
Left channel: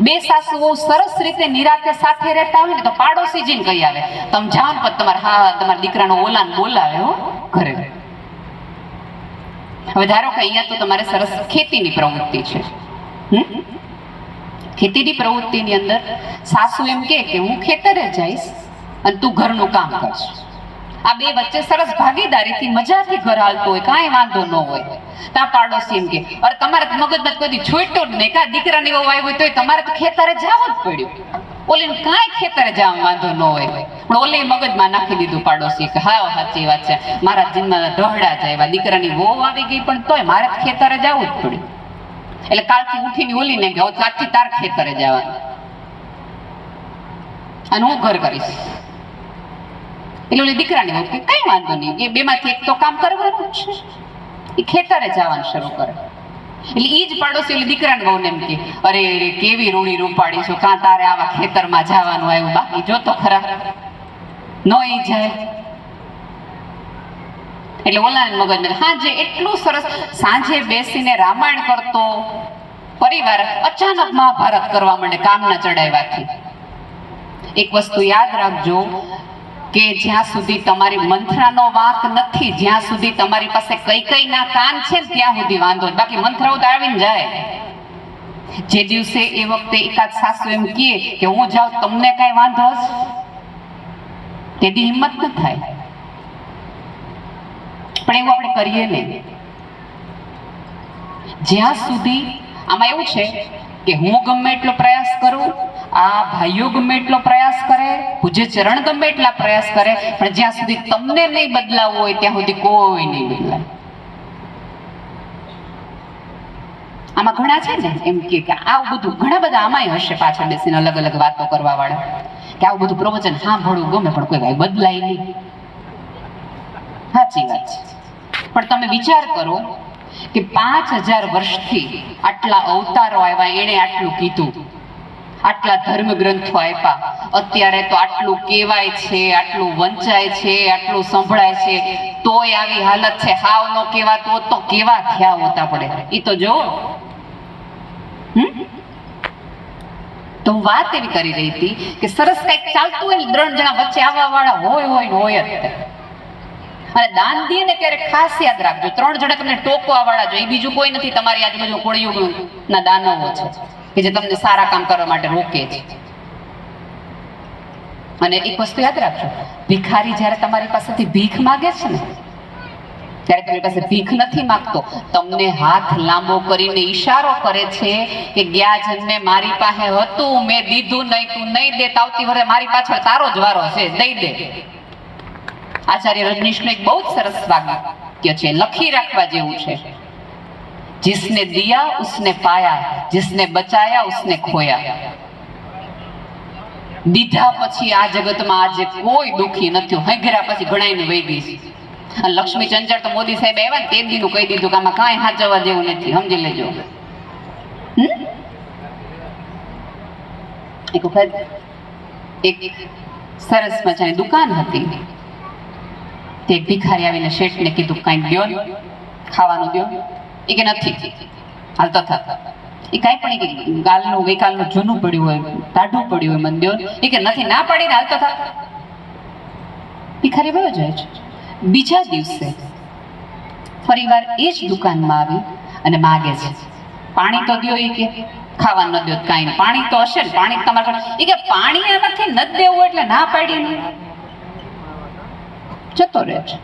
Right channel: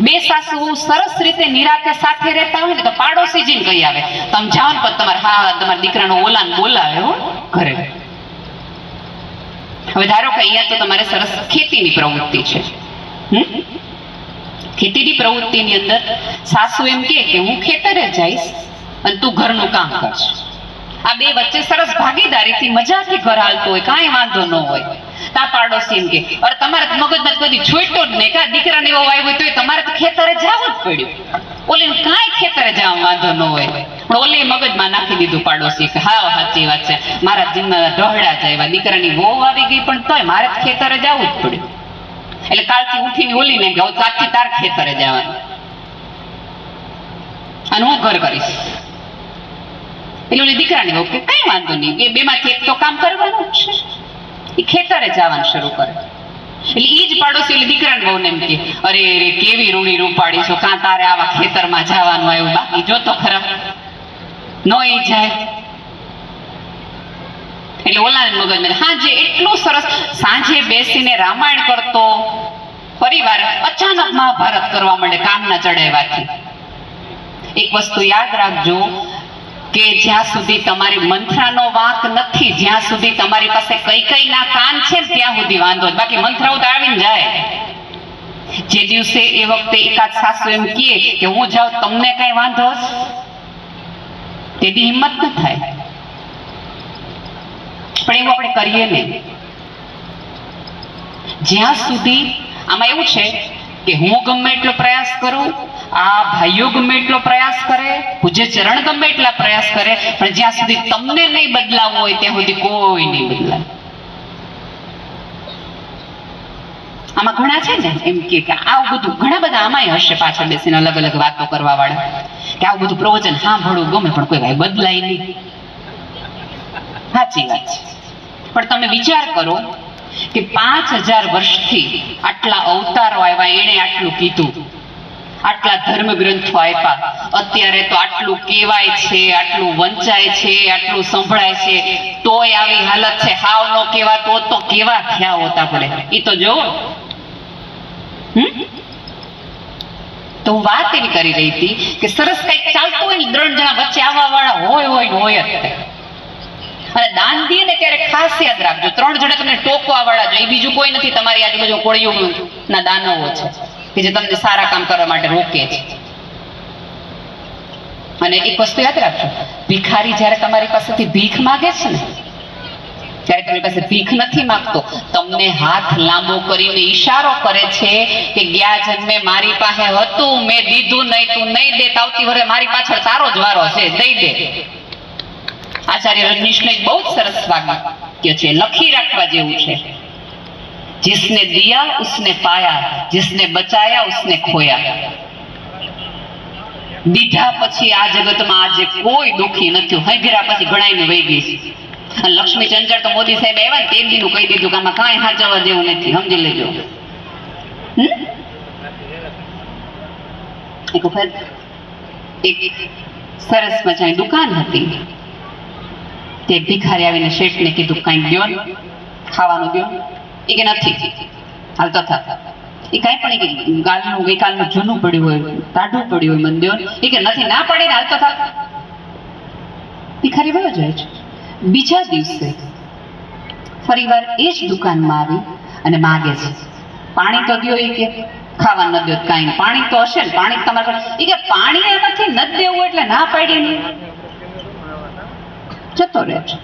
બે સાસુઓ સરસ રીતે નિરાતે સાથે રહેતા હોય ને, તો પાડોશી જીને કહી આવે? તમે જાઓ ને પણ તમારા હા, તમારા દીકરાનો ઓલાન બોલાવે હો ઘરે. હવે ધારો કે અહીંયા તો તમારે સરસ ખેતીની પ્રવૃત્તિ છે? ખેતીની પ્રવૃત્તિની અંદર સાસુ એમ કે હું ખેતરે જઈશ અને તું ઘરનું કામ કરશ આ બે વચ્ચે સરસ ભાગીદારીથી મજાથી ઘર હાલતું હોય, કાંઈ વાંધો ન હોય. તા પાડોશી એમ કે અરે તમારે મગજમાં કદી છોડતો જ નહીં, કા દીકરાને એવો વાવ્યો તોય તમારે તો ખેતરે જવું જ પડ્યું. ઓલી કાંઈ ખેતરે જાવ વાંધો ન હોય. પણ ઓલી મગજમાં નાખી દીધું પાડોશી કે હા સાચી વાત છે. મારા જીવમાં ઢહડા જાય દીકરાની વહુ આવી ગઈ પણ તોય મારે ખેતરે જવું જ પડ્યું. એટલે કાલથી ઉઠીને ઓલીને કે આજથી તાર ખેતરે જવાનું અને હું ઘર કરીશ. એટલે ઓલી દીકરાને કે, કઈ વાંધો નહીં. એ બેમાંથી એક તો કામ કરવાનું જ છે. એ ખેતરે જવાનું શરૂ કરે. એટલે ઈ જ પાડોશી એટલે દીકરાને બહુ એમ કે, અરે રે, કેવી રૂડી રૂપાડી છો? કાં તારે આવા ખેતરમાં જવાનું આવ્યું? બાકી જો તો ખરા. નો ઈ જાય. એટલે ઓલાને મગજને જે એટલું સરસ, સાંજે બેસીને રામાયણ કરતો પરિવાર અચાનક મહાભારત કરવા માંડે, કામના ચડાવ્યાથી. એક વસ્તુ યાદ રાખજો કે જ્યાં સુધી તમારી મંથરાનો વાંક નથી, જ્યાં સુધી તમારી પાસે કઈ કઈ ના કાન છે, ત્યાં સુધી વાંધો બાકી મંથરાઓ તો જાય. જે દિવસે એ વખતે એકાદ સાસુ એમ કહે કે હું જાઉં, તમને કઈ વાંધો તેની હિંમત ન થાય. પણ એવું આપણે કરીએ ને. જ્યાં સુધી આમાં એવું છે કે હું ગમે એટલો પ્રયાસ કરું આ ભાઈઓ ગમે એટલો પ્રયાસ કરે, પૂજ્ય ચરણ ગમે એટલા પ્રયાસ કરે, પણ જ્યાં સુધી તમને નહીં બદલાવવું હોય, ત્યાં સુધી કોઈ નહીં બદલાય. આમાં ઘણા છે ને, એમ કે આવું બધું, ઘણા બધા આમાંય હશે પાછળ બેસીને અલગ અલગ વાતો કરવા વાળા કે આવું બધું પ્રવચન સાંભળવું ગમે, પણ કોઈ ભાઈ બદલાય નહીં. સાચી વાત છે. પણ તમે વિચાર કરો કે પાંચ હજાર વર્ષથી આટલા અવતારો આવ્યા, એણે આટલું કીધું. આટલા ધર્મ ગ્રંથો આપ્યા અત્યારે તો આટલું કહેવાય છે, આટલું વંચાય છે, આટલું સંભળાય છે. તોય આવી હાલત છે. હાવ નો કેવા તો કેવા થયા હોતા પડે એ તો જો તો વાત એવી કરી રહી હતી કે સરસ કંઈક ચાલતું હોય ને ત્રણ જણા વચ્ચે આવવા વાળા હોય હોય હોય અને દાન દે ને ત્યારે ખાસ યાદ રાખજો. ત્રણ જણા તમને ટોકવા વાળા જો એ બીજું કોઈ નથી, તમારી આજુબાજુ કોળીઓ ના દાનવો છે. કે જે તમને સારા કામ કરવા માટે રોકે છે. અને એક વસ્તુ યાદ રાખજો, ભિખારી જ્યારે તમારી પાસેથી ભીખ માગે છે ને, ત્યારે તમારી પાસે ભીખ નથી માંગતો, તમને હાથ લાંબો કરીને ઈશારો કરે છે કે ગયા જન્મે મારી પાસે હતું, મેં દીધું નહીં, તું નહીં દે આવતી વરે મારી પાછળ તારો જ વારો છે દઈ દે. આચાર્ય રજનીશનું એક બહુ જ સરસ વાક્ય છે, લખી રાખવા જેવું છે. जिसने दिया उसने पाया जिसने बचाया उसने खोया દીધા પછી આ જગતમાં આજે કોઈ દુખી નથી હૈગરા પછી ઘણાઈને વહી ગઈ છે અને લક્ષ્મી ચંચળ તો મોદી સાહેબ આવ્યા ને તે દીનું કહી દીધું કે આમાં કાંઈ હાચવવા જેવું નથી સમજી લેજો હમ? એક વખત એક સરસ મજાની દુકાન હતી તે ભિખારી આવીને શેઠને કીધું કાંઈ દ્યો ને ખાવાનું દ્યો ને એ કે નથી. હાલતા થતા એ કાંઈ પણ એ ગાલનું, ગઈકાલનું જૂનું પડ્યું હોય, ટાઢું પડ્યું હોય મંદિર, એ કે નથી, ના પાડીને થતા એ ખરી વયો જાય છે. બીજા દિવસે ફરીવાર એ જ દુકાનમાં આવી અને માગે છે. પાણી તો દો એ કે, ખાવા ન દો કાંઈ પાણી તો હશે ને, પાણી તમારે એ કે પાણી આમાંથી ન દેવું એટલે ના પાડી જતો રહે છે.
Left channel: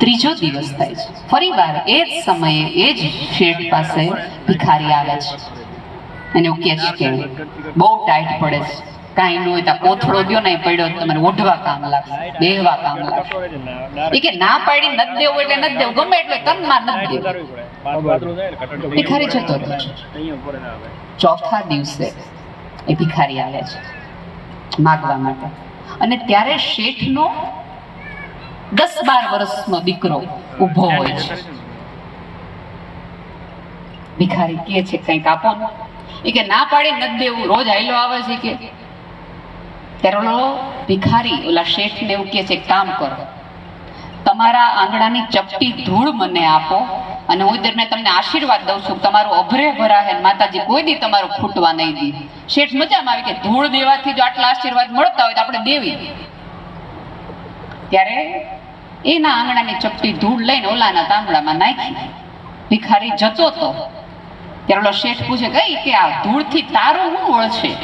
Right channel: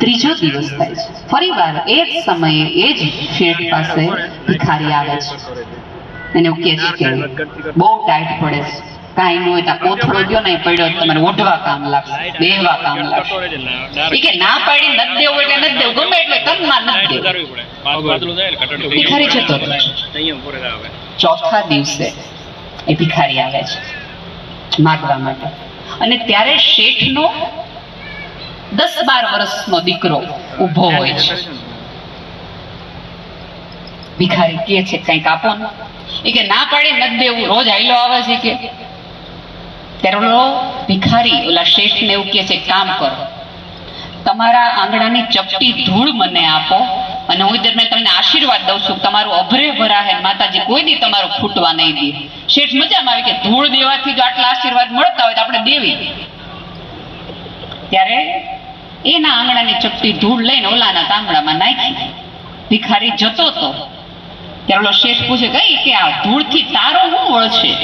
ત્રીજો દિવસ થાય છે. ફરી વાર એ જ સમયે એ જ શેઠ પાસે ભિખારી આવે છે. અને એવું કહે છે કે બહુ ટાઈટ પડે છે. કાંઈ ન હોય કોથળો ગયો ને પડ્યો તમારે ઓઢવા કામ લાગશે બેહવા કામ લાગશે. એ કે ના પાડી ન દેવું એટલે ન દેવું ગમે એટલે તનમાં ન દેવું ભિખારી જતો ચોથા દિવસે એ ભિખારી આવે છે. માગવા માટે. અને ત્યારે શેઠનો દસ બાર વર્ષનો દીકરો ઊભો હોય છે. ભિખારી કે છે કંઈક આપો ને. એ કે ના પાડી નથી દેવું. રોજ આયલો આવે છે કે. ત્યારે ભિખારી ઓલા શેઠ ને એવું કહે છે "એક કામ કરો. તમારા આંગણાની ચપટી ધૂળ મને આપો અને હું દરમિયાન તમને આશીર્વાદ દઉં છું તમારું અભરે ભરાહે ને માતાજી કોઈ દી તમારું ખૂટવા નહીં દે. શેઠ મજામાં આવે કે ધૂળ દેવાથી જો આટલા આશીર્વાદ મળતા હોય તો આપણે દેવી. ત્યારે એના આંગણાની ચપટી ધૂળ લઈને ઓલાના તાંબડામાં નાખી. ભિખારી જતો તો. ત્યારે ઓલો શેઠ પૂછે કઈ કે આ ધૂળથી તારો શું વળશે?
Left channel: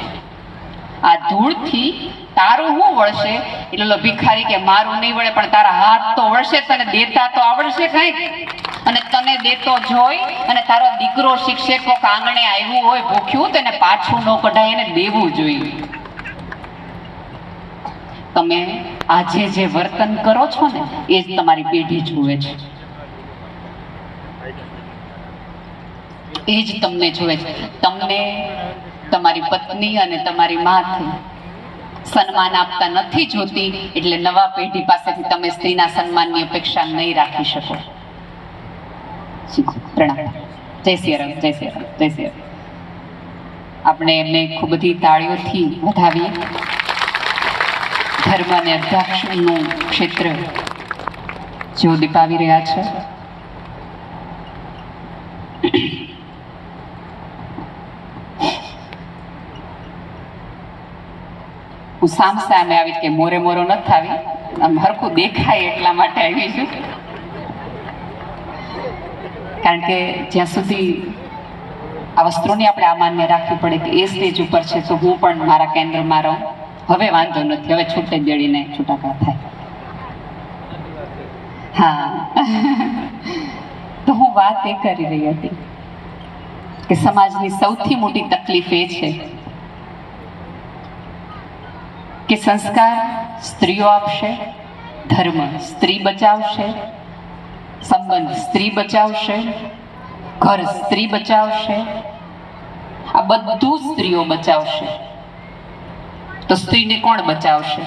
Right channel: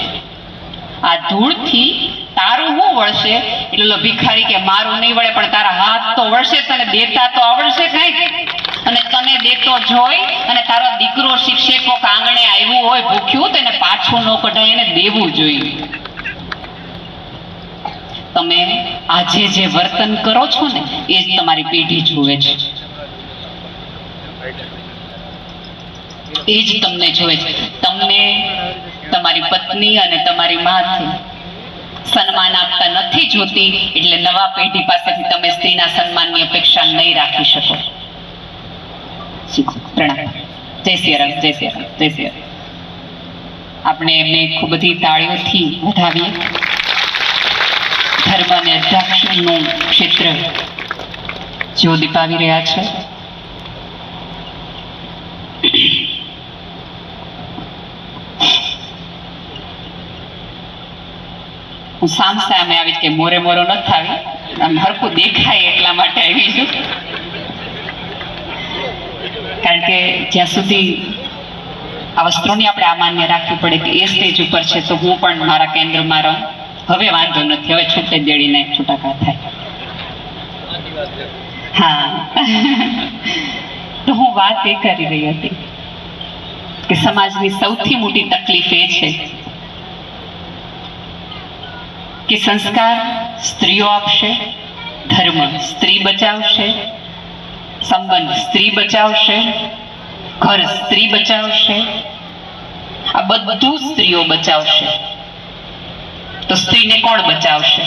આ ધૂળથી તારું શું વળશે? એટલે ભિખારી કે, મારું નહીં વળે, પણ તારા હાથ તો વળશે, તને દેતા તો આવડશે કઈ અને તને દેતો જોઈ, અને તારો દીકરો શિક્ષકો આંગણે આવ્યું હોય, ભૂખ્યું, તેને પાછું ન કઢાય, એને દેવું જોઈએ. તમે આજે જે વર્તન કરો છો ને, એ જ તમારી પેઢી જુએ છે. એ જ તમને જુએ છે. તમને તમારી પત્ની અને તમારી માથી સન્માન આપતા નથી જોતી, એટલે નવા પેઢી પાસેથી તમે સ્ત્રીના સન્માનની અપેક્ષા નહીં રાખી શકો. પ્રણામ. જય શ્રી રામ જય શ્રી રામ જય શ્રી રામ આપણે એમને ખૂબ બધી તાળીઓથી વધાવીએ. ધર્મ અને અધ્યાત્મનું ક્ષેત્ર જેઓ દીપાવી રહ્યા છે. હું સામ સામે આવી કે મોરે મોરો ન થાવી. આમ હરખું દેખાય એટલા માટે આવી છું. કારણ કે જ્યાં સુધી આ વસ્ત્રોની આપણે આ માન્ય રાખવી પડે કે એ સ્ટેજ ઉપર છે, તો હું પણ મારા કેન્દ્રમાં રહું. હવે વાંધો નથી, હવે છૂટે દેડીને છૂટાકા થાય. હા. તો હું વાત એ કરી રહી હતી કે સમાજની સૌથી મોટી તકલીફ એ છે કે સંસ્કાર સ્ત્રીઓ આપશે, ધર્મ સ્ત્રી બચાવશે, સંબંધ સ્ત્રી બચાવશે, ઘર સ્ત્રી બચાવશે, આ બધું સ્ત્રીઓ બચાવશે. તો સ્ત્રીને કોણ બચાવશે?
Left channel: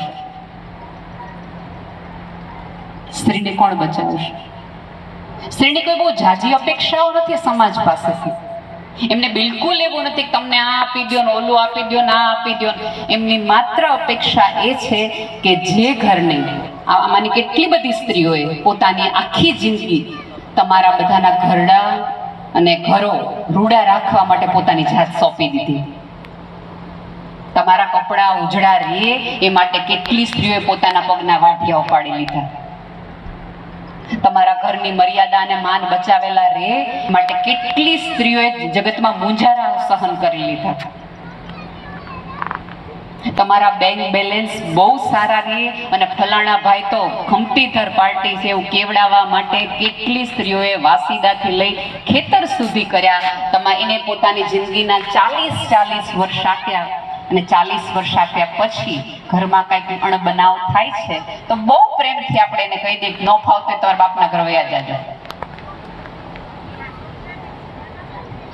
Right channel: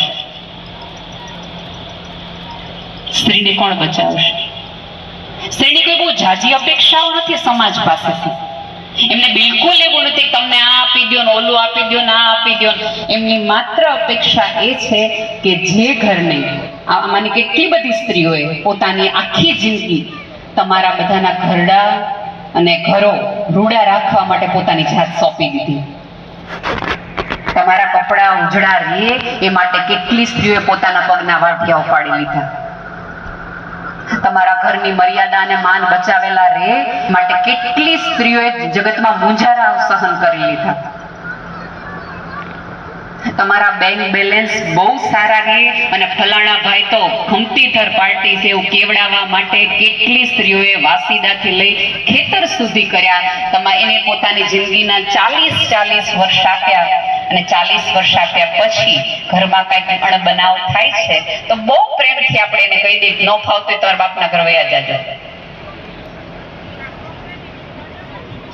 સ્ત્રીને કોણ બચાવશે? સ્ત્રીની કોઈ બહુ ઝાઝી અપેક્ષાઓ નથી સમાજ પાસેથી. એમને બિલકુલ એવું નથી તમને આ આપી દો ને ઓલું આપી દો ને આ આપી દો એમની માત્ર અપેક્ષા એ છે કે જે ઘરને આમાંની કેટલી બધી સ્ત્રીઓએ પોતાની આખી જિંદગી તમારા બધાના ઘરડા અને ઘરો રૂડા રાખવા માટે પોતાની જાત સોંપી દીધી. તમારા કપડાં ઉજળા રહે, એ માટે કેટલી સ્ત્રીઓએ પોતાના પગના વાઢિયા ઉપાડી લીધા. તમારા ઘરની મર્યાદા અને માન બચાવેલા રહે માટે કેટલી સ્ત્રીઓએ જગતમાં મુંજારા સહન કરી લીધા. તમારા બેંક બેલેન્સ બહુ સારા રહે અને ફલાણા ભાઈ તો ખમતીધર પાર્ટી છે એવું કેવડાવવા માટે કેટલી સ્ત્રીઓએ વાસીદાથી લઈ ખેતર સુધી કર્યા. તમા, એને પોતાની જિંદગીના ચાલીસ ચાલીસ વર્ષ આપ્યા. અને ચાલીસ વર્ષ આપ્યા પછી ઘરમાં કાંઈક અણબનાવ થાય છે, તો બહુ પ્રેમથી આપણે એને કહી દઈએ ન ફાવતું હોય બાપના ઘર વયા જાજે.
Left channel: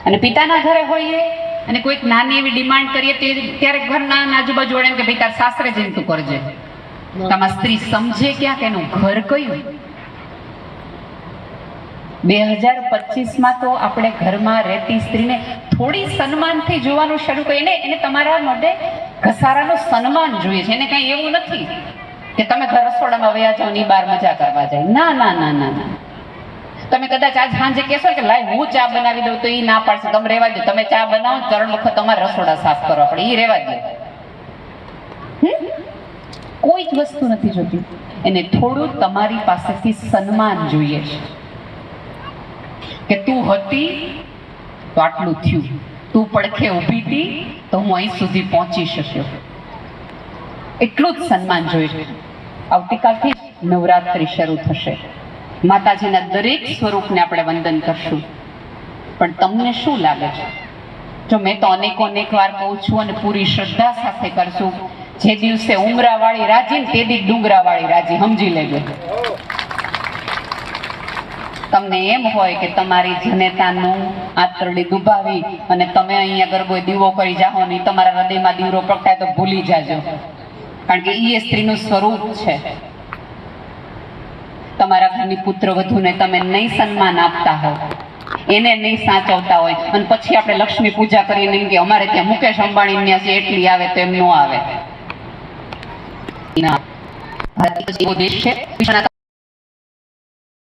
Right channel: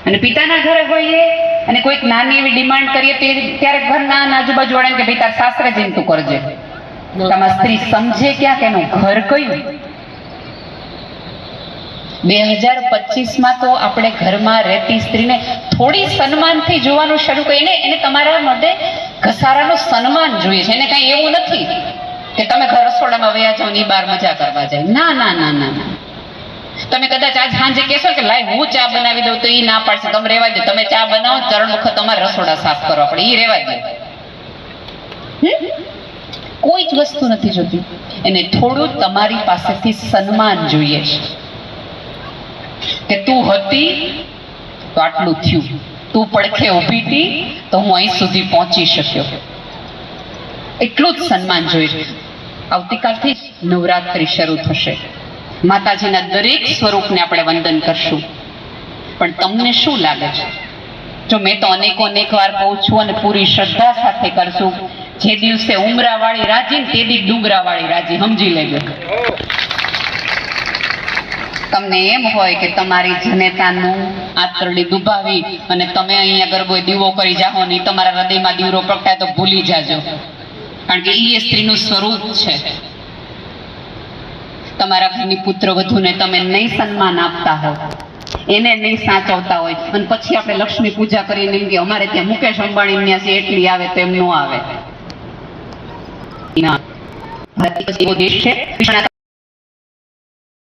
અને પિતાના ઘરે હોઈએ અને કોઈક નાની એવી ડિમાન્ડ કરીએ તો ત્યારે ઘરના આજુબાજુ વાળાને કે ભાઈ તાર સાસરે જઈને તું કરજે. તમારા સ્ત્રી સમજે ક્યાં કે ઘર કયું? બે હજાર પચીસમાં તો આપણે ઘરમાં રહેતી સ્ત્રીને થોડી સન્માનથી જોવાનું શરૂ કરીને એને તમારા માટે ઘસારાનું સન્માન જોઈએ છે. એને કાંઈ એવું નથી કે તમે ઘર રસોડામાં વયા જાઓ ની બાર મજા કરવા જાય. ના ના ના ના ના. તમે કદાચ આજ સાંજે કહેશો કે લાય, હું ચા બનાવી દઉં તો એ ના પાડશે. તમે રેવા દો તમે ચા બનાવો ત્રણ વખત તમારે રસોડા સાફ કરવા પડે. એ રેવા દો કોઈ જ વસ્તુ નથી જોતી. એને થોડું તમારી પાસેથી સન્માન જોઈએ છે. કે તું હતી તો આટલું થયું. તું પડખે ઊભી તો હું અહીં સુધી પહોંચી શક્યો. એટલું જ સન્માન જોઈએ આવતીકાલથી નવરાત્રિ શરૂ થશે. માતાજીના દરેક સ્વરૂપને આપણે વંદન કરશું. પણ તમને શું લાગે છે? જો મેં તો અનેકો અનેક વાર કહું છું અને પૂરી શ્રદ્ધા સાથે કરશું, જે દિવસે ઉમરાવાળી રાજી તે દી ડુંગરાવાળી રાજી, સમજી લેજો. તમને એમ હોય કે તમારી જનેતાનું આંતરડી દુભાવી અને તમે અહીંયા ગરબો દીવો કરી જાઓ ને તમારા હૃદયમાં દીવરો પ્રગટાય તો ભૂલી જાજો. કારણ કે એ સ્ત્રીનું સ્વરૂપ છે. તમારા ઘરની પુત્ર વધુને તમે નહીં સન્માન આપતા હો એને નહીં સાચવતા હોય. અને પછી આપણે લક્ષ્મી પૂજા કરીને એમ કે અમારે ત્યાં મુકેશ અંબાણી ત્યાં છે, એટલી આવે તો એમ ન આવે. ભારત